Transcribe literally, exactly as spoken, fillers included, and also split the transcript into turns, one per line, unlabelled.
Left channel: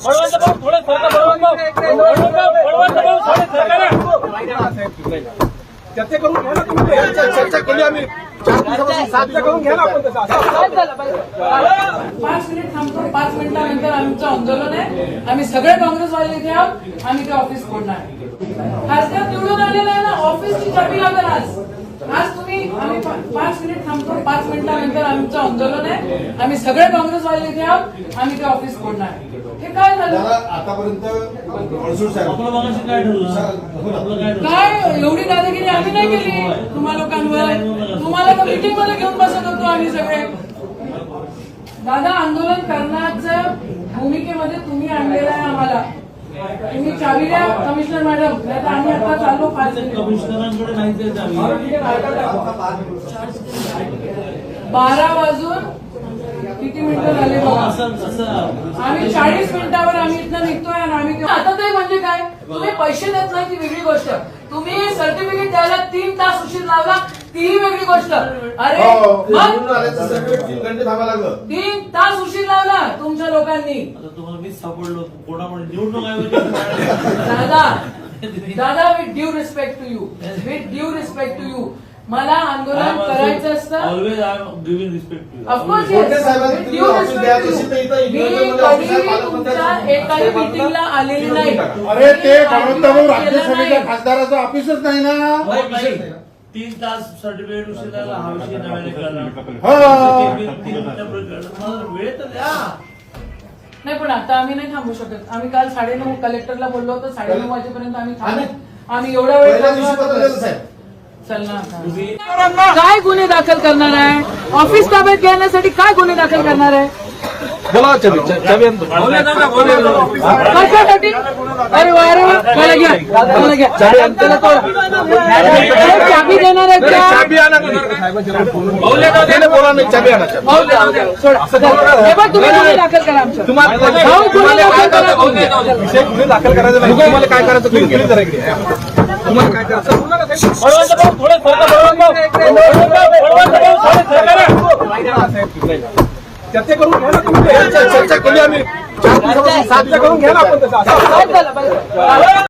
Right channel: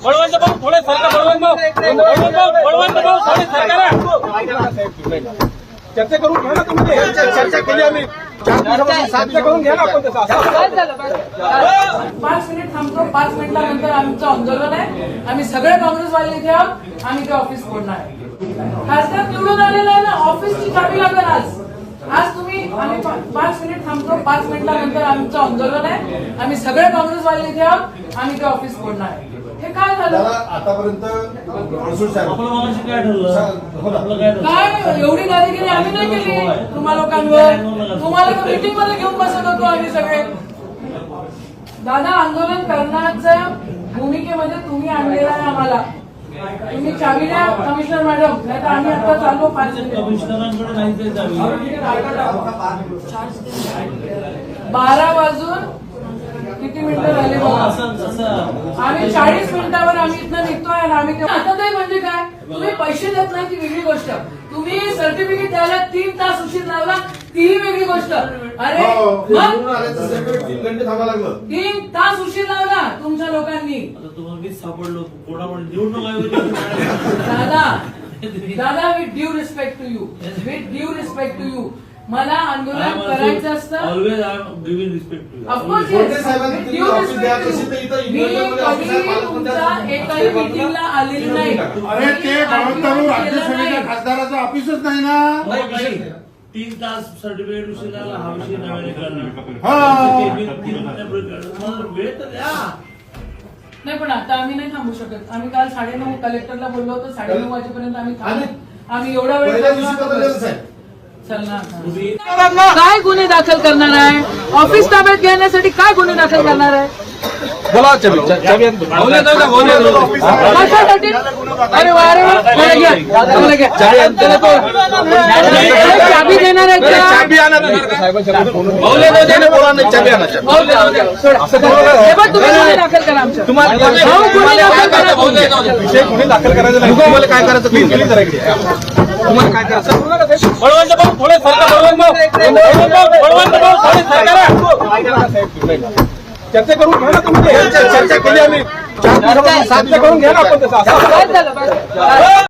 चर्चा करून घ्या ना तुम्ही. चर्चा केली आम्ही चार दिवसापासून. चर्चा करून घ्या ना आपण तसं.
पाच मिनिट थांबतो. पाच मिनिटानंतर आमचं आंदोलन आहे. आम्ही सगळे काँग्रेसवाले इथे आहोत. आम्ही ते ऑफिस फोडणार आहे. खासदार निवडून आलेला आहे ना, ऑफिसची चाबी लागेल आज. आज तुम्ही आम्ही पाच मिनिट थांबतो. पाच मिनिटानंतर आमचं आंदोलन आहे. आम्ही सगळे काँग्रेसवाले इथे आहोत. आम्ही ते ऑफिस फोडणार आहे. हे काय झालं
आतापर्यंत?
काय एवढी दादागिरी आम्ही नाही केली तुम्हा लोकांवर. तुम्हाला तर मीटिंग मध्ये घेऊन बसत होतो आम्ही सगळे. दादा, आंदोलन करण्याच्या भूमिकेमध्ये तुम्ही आणलेलं आहे आम्हाला. तुम्ही चावी द्या कमिशनर मॅडम, नाही तर आम्ही आता चाललो. पाच
कमिशनरांकडे नाही
बारा वाजून किती मिनिटं झाले बघा. आम्ही चाळीस मिनिटावर आम्ही इथनं निघतोय आणि आम्ही आता ते म्हणजे काय, तुम्ही पैसे देत नाही ती वेगळी गोष्ट. तुम्ही सर्टिफिकेट द्यायला तीन तास उशीर लावला तीही वेगळी गोष्ट. अरे
तीन घंटे थांबा लागलं.
तीन तास उशीर लावला तुमच्या लोकांनी.
तुम्हाला मीच सापडलो कोणामध्ये निवडणूक.
दादा दादा with due respect to you, with due respect to you, मला आंदोलन करायचं असतं.
Always I am giving respect to you.
Of course मी कधी तुमच्या एकाही मिटिंगला आलेली नाही.
अरे ते भाऊ राज्यसभेच्या खासदाराचं ऑफिसच नाही ना.
तीन तास सर्टिफिकेट उशीर लागला हा विषय नव्याने करणार. वेळ तर द्या.
नाही पण आता आम्ही नाही थांबू शकत. आम्ही काल साडेनऊ कलेक्टरला बोललो होतो, साडेनऊ वाजेपर्यंत आम्ही थांबू. आम्ही एवढा वेळ काय गुन्हे दाखल करणार आहे? ऑफिस ताब्यात घेण्यासाठी काय गुन्हे दाखल करणार आहे?
बोला चाबी चाबी
कशासाठी? अरे वा, अरे वा,
चाबी अंतला तो
चाबी देणार आहे का?
चाबी आणा तुम्ही. बोला नाही चाबी आणा.
तुम्ही गुन्हे दाखल करा आमच्या.
तुम्हाला काय करायचं विषय गुन्हे दाखल करायचं नाही. तुम्हाला काय करायचं केली करायची. तुम्हाला काय करायचं चर्चा करून घ्या ना तुम्ही. चर्चा केली आम्ही चार दिवसापासून. चर्चा करून घ्या ना आपण तसं.